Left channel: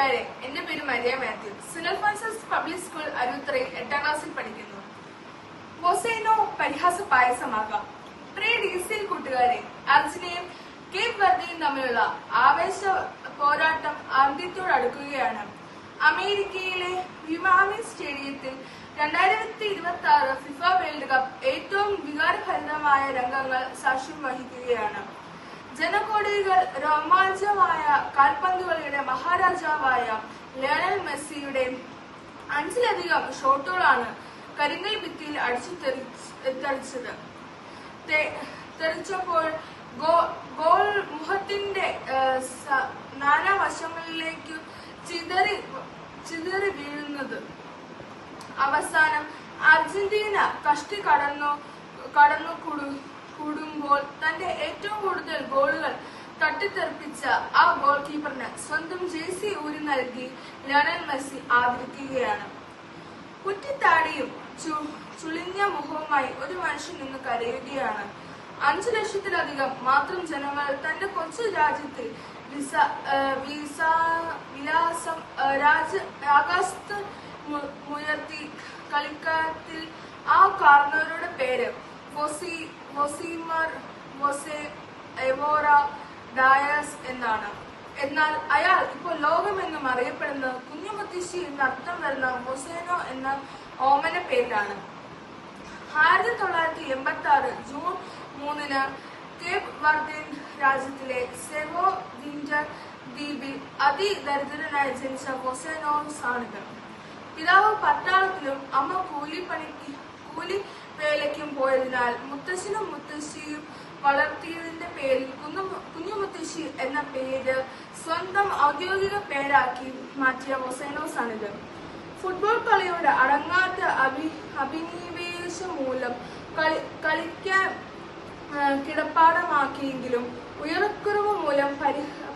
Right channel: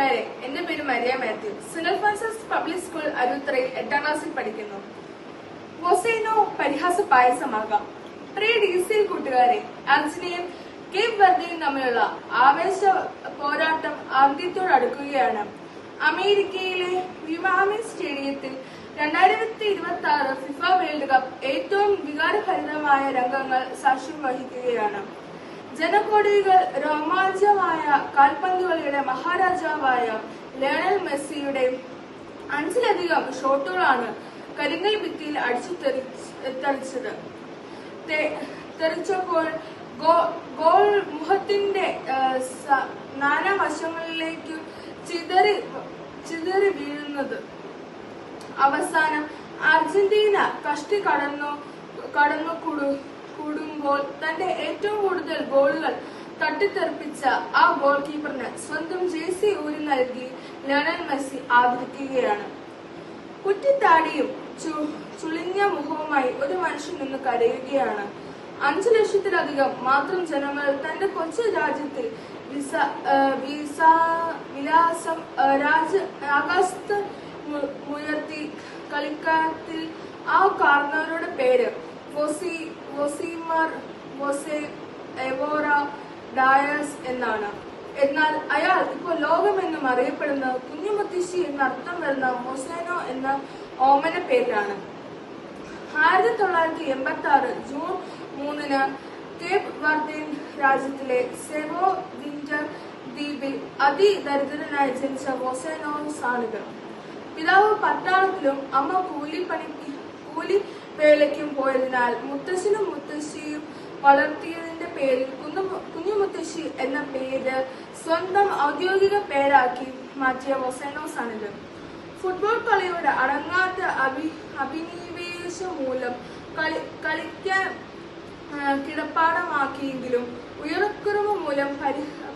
കൂട്ടുകാരെ, എന്റെ പേര് Maria Mathew. Saint Francis public school അരുത്രയിൽ 8ാം ക്ലാസ്സിൽ പഠിക്കുന്നു. വൊസൈനോ പരിഹാസ പായസമാകാം. പ്രിയ DCL കൂട്ടുകാരെ, അർജന്റീനയും കേപ്പ് വെർദയും തമ്മിലുള്ള ആവേശ പോരാട്ടം അന്ത്യത്തോടടുക്കുകയാണ്. അമേരിക്കയിലെ മിയാമി സ്റ്റേഡിയത്തിൽ 2026 ഫിഫ വേൾഡ് കപ്പ് ഏറ്റവും വികാരഭരിതമായ രംഗങ്ങൾ സാക്ഷ്യം വഹിക്കുകയാണ്. ജനകോടികൾ രോമാഞ്ചമായ കാൽപന്തുകളിയുടെ മഹാരാജാവായ ലയണൽ മെസ്സിയുടെ 5ലധികം ഷോട്ടുകളാണ് കരിങ്കൽ ഭിത്തിയിൽ അടിച്ചു തെറിച്ചപ്പോൾ ഗോൾ മുഖത്തിന്റെ നാനാവശങ്ങളിലേക്ക് ചിതറി വീഴുന്നത്. അവസാനം അർജന്റീന കഷ്ടി കടന്നു കൂടുമ്പോൾ തന്റെ ഏറ്റവും കൂടുതൽ ഗോളുകൾ തട്ടിത്തെറിപ്പിച്ച ആ ഗോൾ കീപ്പറിന് സ്വന്തം ജേഴ്സി ഊരി നൽകി ലയണൽ മെസ്സി ആദരിക്കുകയാണ്. കുറ്റിത്താടിയും ചുളിഞ്ഞ മുഖവുമായി ഒരു മനുഷ്യൻ നിന്ന് കരയുകയാണ്. 5 ലക്ഷത്തിലധികം മാത്രം ജനങ്ങൾ തന്റെ കൊച്ചു രാജ്യത്തിൽ ആകാശത്ത് മുയർത്തി കളിക്കാരത്തിൽ ആ കാർന്നവരുടെ പേര് വൊസീമർ വൊസെ എവോറ ഡയസ് എന്നാണ്. എന്നാൽ അയാൾ ഇപ്പോൾ ലോകമെന്നും അറിയപ്പെടുന്നത് കുഞ്ഞുമുത്തശ്ശി എന്നർത്ഥം വരുന്ന വൊസൈനോ എന്ന ഓമന പേരിലാണ്. 1986 ജൂൺ 3 കേപ്പ് വെർദെ രാജ്യത്തിലെ സെവോ വിഞ്ചർ ദ്വീപിൽ അതിദരിദ്രനായി ജനിച്ച വൊസൈനോസാണിത്. പിതാവ് പട്ടാളത്തിലും അമ്മ കൂലി വേലയ്ക്കും പോയതിനാൽ മുത്തശ്ശനും മുത്തശ്ശിയും വളർത്തിയതിന്റെ പേരിൽ കുഞ്ഞുമുത്തശ്ശി എന്ന പേര് സ്വന്തം ഔദ്യോഗിക പേരാക്കി മാറ്റിയ വൊസൈനോസാണിത്. ഫുട്ബോൾ കളിയുടെ അടങ്ങാത്ത അഭിനിവേശം മൂലം കളിക്കാൻ കിടപ്പാടമാക്കിയെങ്കിലും ഉയരക്കുറവ് മൂലം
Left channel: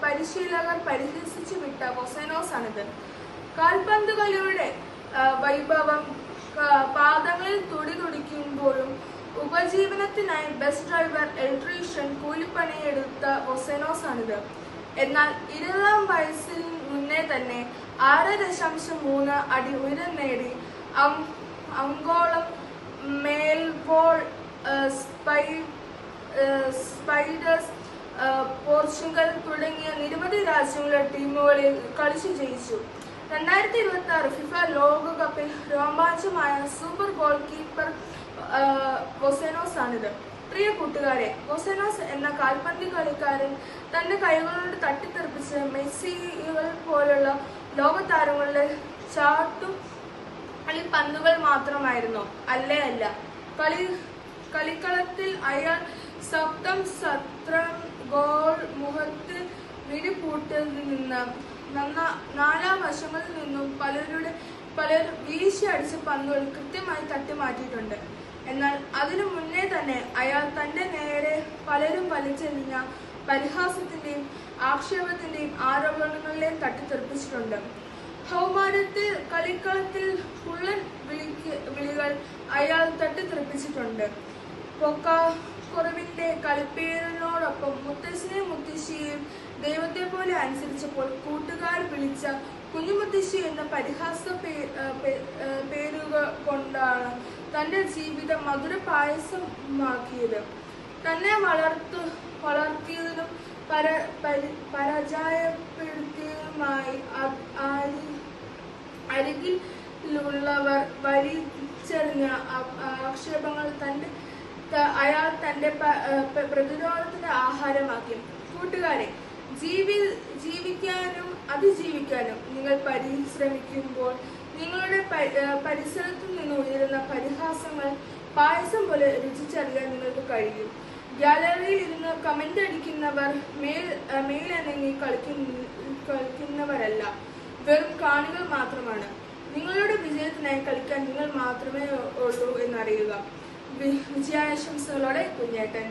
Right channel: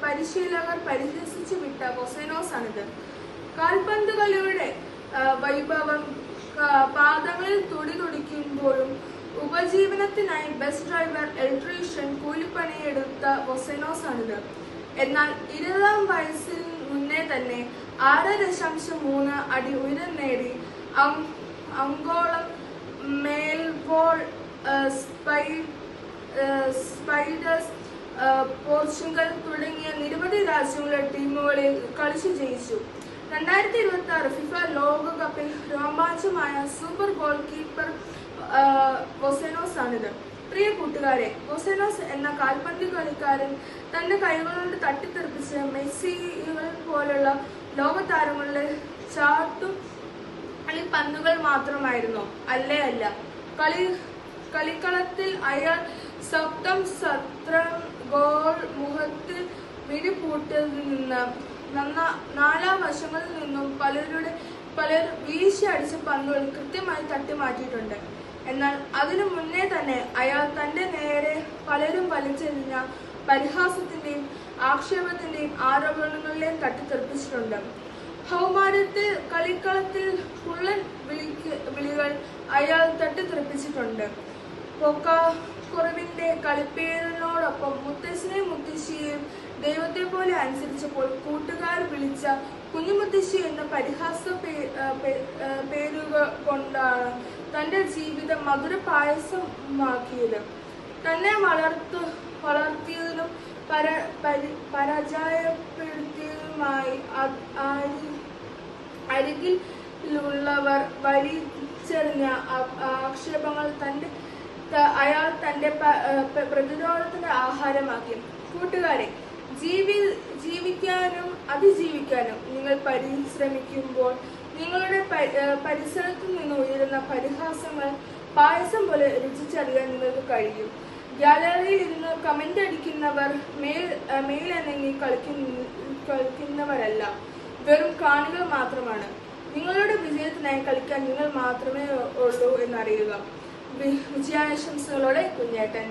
പരിശീലകർ പരിഹസിച്ചു വിട്ട വൊസൈനോസാണിത്. കാൽപന്തുകളിയുടെ വൈഭവം പാദങ്ങളിൽ തുടിതുടിക്കുമ്പോഴും ഉപജീവനത്തിനായി ബസ് ഡ്രൈവർ, ഇലക്ട്രീഷ്യൻ, കൂലിപ്പണിയെടുത്ത വൊസൈനോസാണിത്. എന്നാൽ 20ാം വയസ്സിൽ മുന്നേ തന്നെ 6.3 അടി ഉയരം നേടി അങ്കോളം, മെൽബോൾ, സ്പൈഡേഴ്സ്, പോർച്ചുഗൽ തുടങ്ങിയ നിരവധി രാജ്യങ്ങളുടെ ടീമുകളിൽ കളിച്ചു ജയിച്ചു. 2026 ഫിഫ ലോകകപ്പിൽ രോമാഞ്ചമായ സൂപ്പർ ഗോൾ കീപ്പർ വൊസൈനോസാണിത്. പ്രിയ കൂട്ടുകാരെ, വൊസൈനോസ് എന്ന കാൽപന്ത് കളിക്കാരൻ തന്റെ കൈകളുകൊണ്ട് തട്ടിത്തെറിപ്പിച്ച മെസ്സികൾ പോലുള്ള ലോകതാരങ്ങളുടെ കളിപ്പന്തുകൾ മാത്രമായിരുന്നു. അല്ല. കളിക്കളത്തിൽ അയാൾ സ്വന്തം ഗോൾ മുഖത്തിൽ മിഴിപൂട്ടിയതിൽ നിന്ന് നാലാം വശങ്ങളിൽ നിന്നും പലർ വീശി അടിച്ച പന്തുകൾ കൃത്യമായി തട്ടിമാറ്റിയിട്ടുണ്ട്. എന്നാൽ അതിനു മുന്നേ തന്നെ അയാൾ തന്റെ നേരെ പലരും വലിച്ചെറിഞ്ഞ പരിഹാസത്തിന്റെയും ആക്ഷേപത്തിന്റെയും ആരോപണങ്ങളിലെയും തട്ടിത്തെറിപ്പിച്ചിട്ടുണ്ട്. കൗമാരത്തിൽ കളിക്കളത്തിൽ കുള്ളൻ വിളികൾ അയാൾ തട്ടിത്തെറിപ്പിച്ചിട്ടുണ്ട്. പൊക്കക്കുറവിന്റെ കളിപ്പേരിനോടൊപ്പം മുത്തശ്ശനെയും മുത്തശ്ശിയെയും ദൈവത്തെ പോലെ അനുസരിച്ചപ്പോൾ കൂട്ടുകാർ വിളിച്ച കുഞ്ഞുമുത്തശ്ശി എന്ന പരിഹാസ പേരുകൾ കൊണ്ടാണ് തന്റെ ജീവിതം മധുര പായസമാക്കിയത്. തന്നെ വളർത്തിയതിനും പരാജയപ്പെടുത്തിയതുമായി അരികിലുള്ളവർ വലിച്ചെറിഞ്ഞ ആക്ഷേപങ്ങൾ അയാൾ തന്റെ പ്രതിരോധത്തിന്റെ ആഹാരമാക്കി. കൂട്ടുകാരെ, ജീവിക്കാനും അതിജീവിക്കാനും നിങ്ങൾ പരിശ്രമിക്കുമ്പോൾ നിങ്ങളുടെ പരിസരത്തു നിന്ന് ഉയരുന്ന പരിഹാസങ്ങൾ പായസം പോലെ രുചിച്ചറിയാൻ നിങ്ങൾക്ക് കഴിയും. ഗാലറിയിൽ ഇരുന്ന് കമന്റ് അടിക്കുന്നവർ മേലിറങ്ങി കളിക്കുന്നവരല്ല, വെറും കാണികൾ മാത്രമാണ്. നിങ്ങളുടെ വിജയത്തിനായി കളിക്കാൻ നിങ്ങൾ മാത്രമേ ഉള്ളൂ എന്നറിയുക. വിജയാശംസകളോടെ കുഞ്ഞേട്ടൻ.